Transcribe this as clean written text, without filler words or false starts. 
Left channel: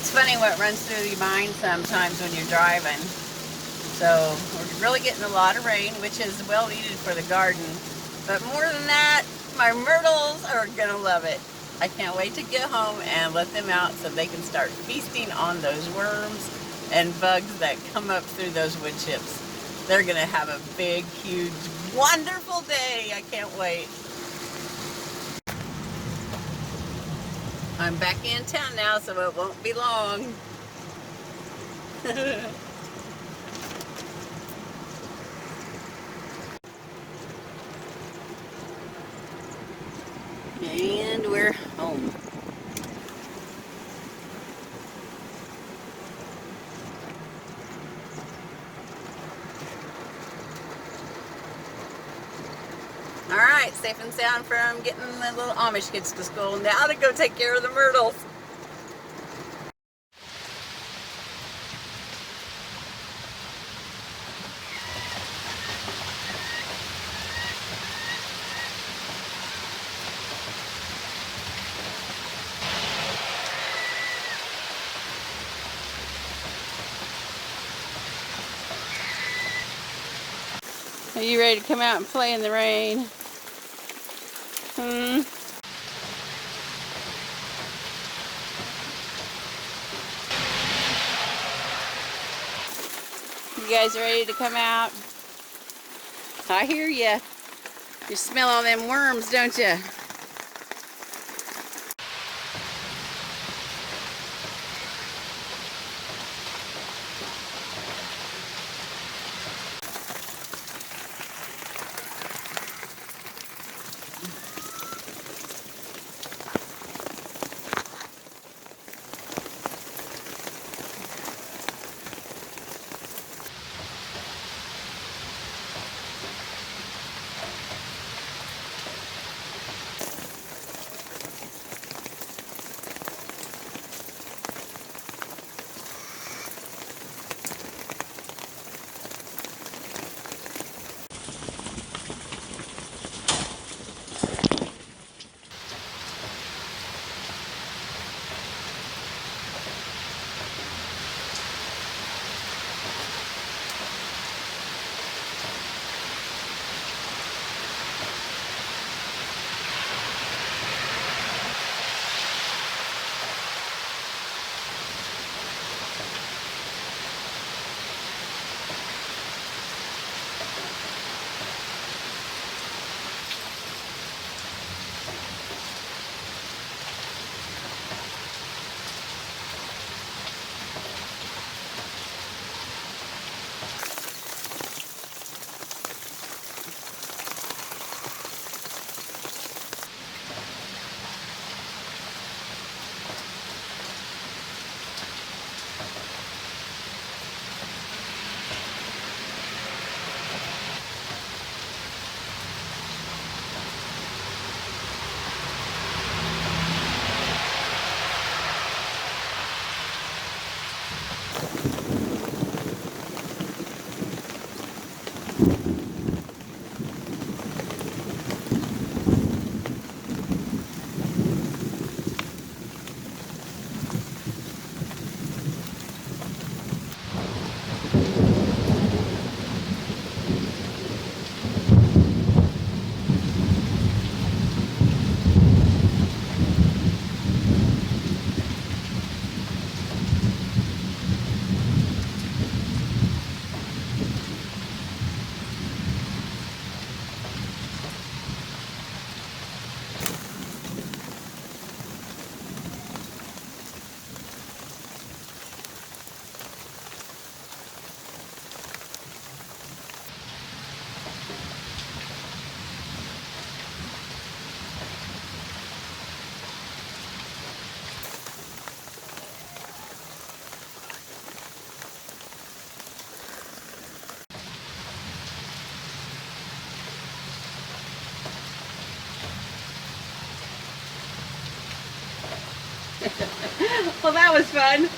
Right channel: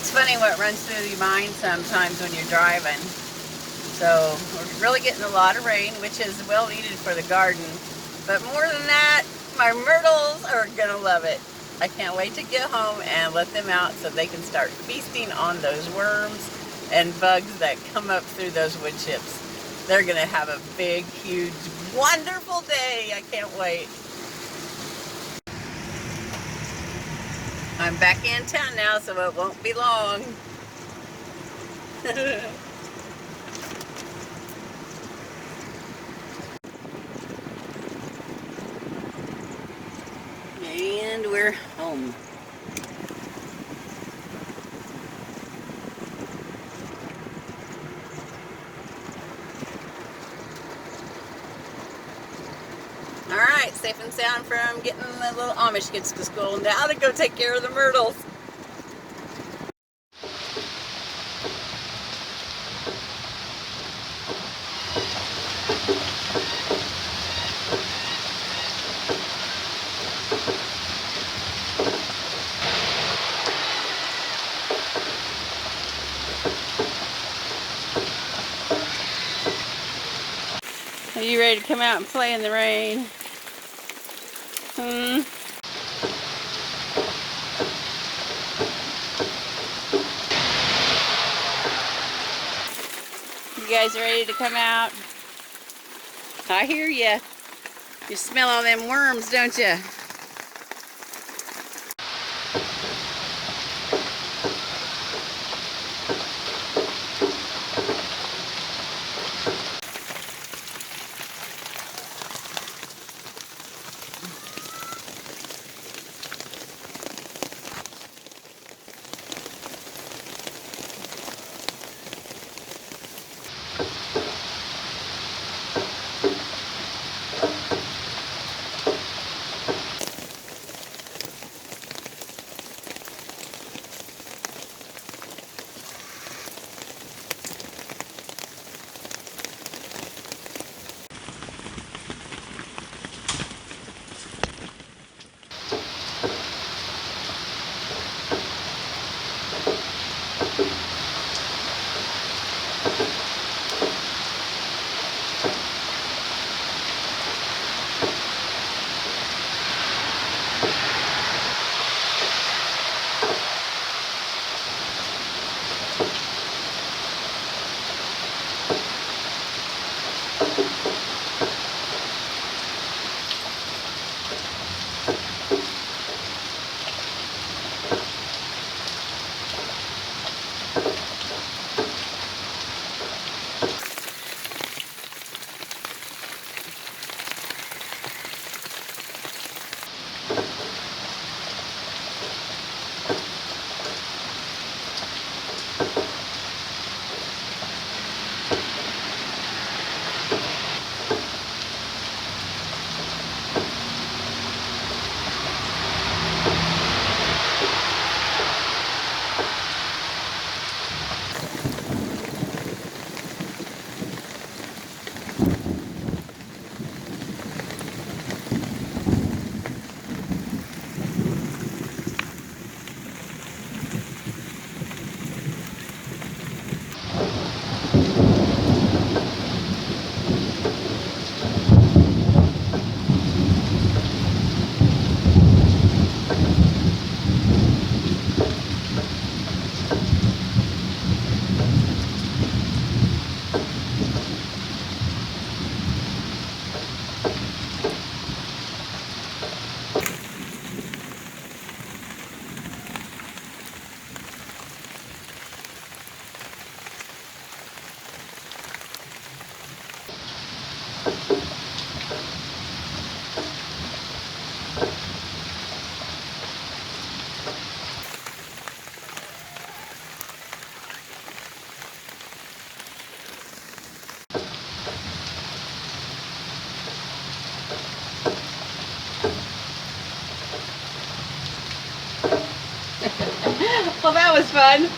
It's funny what runs through your mind sometimes when you're driving. So we're really getting a lot of rain, which is well needed for the garden. But more than that, my myrtles are gonna love it. I can't wait to get home and let them out so they can start feasting on those worms and bugs that come up through those wood chips. They're gonna have a big, huge, wonderful day. I can't wait. I'm back in town now, so it won't be long. And we're home. All right, safe and sound from getting the little Amish kids to school. Now to go take care of the myrtles. Are you ready to come out and play in the rain? You guys ready to come out? I hear ya. You smell all them worms, don't you? Well, that was fun.